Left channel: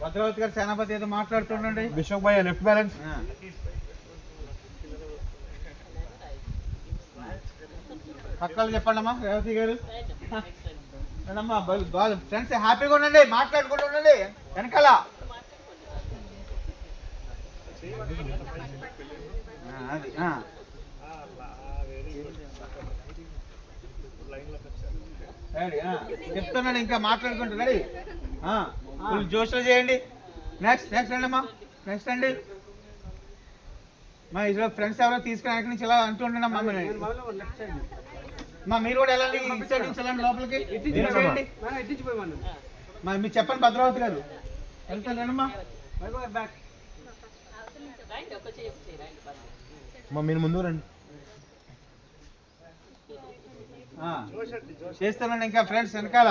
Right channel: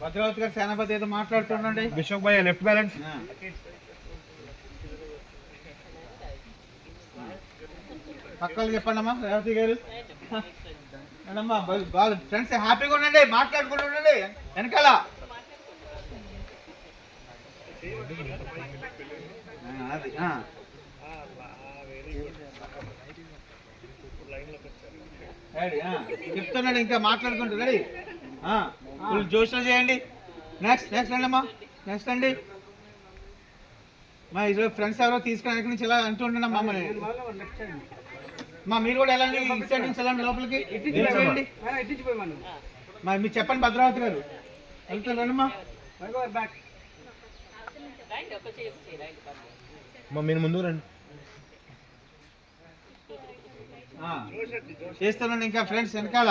భద్రావతి గారు సేనాపతి ఏదో మాట్లాడుతుండండి. బిషప్ బాయ్ లెఫ్ట్ బ్యాలెన్స్. పక్కలు చెప్పండి అమ్మా రేవతి గారు. ఫ్రెండ్స్ హ్యాపీగా ఉండండి మాట్లాడుకుంటూ ఉండండి. వెనకాల. చెప్తున్నాడు ఇంకా మాట్లాడుకుంటూ రెడీ ఫుల్ జోష్లో చేయండి. నెక్స్ట్ నెక్స్ట్ అండి అమ్మా. నెక్స్ట్ అండి. మా ఇదిలో ఫ్రెండ్స్ ఎవరో తీసుకుని వెనక నుంచి ఇలా అంటూ ఉండండి అమ్మా మా మీరు కూడా వెళ్ళండి ఇటు సైడ్ నుంచి వెళ్ళండి లోపలికి. మా మీరు చెప్పండి భద్రావతి గారు. వెళ్తారు రండి అమ్మా. మా మీరు ముందు రండి. ఆ. చేస్తానండి ఇంకా ఫ్రెండ్స్ వెనకాల.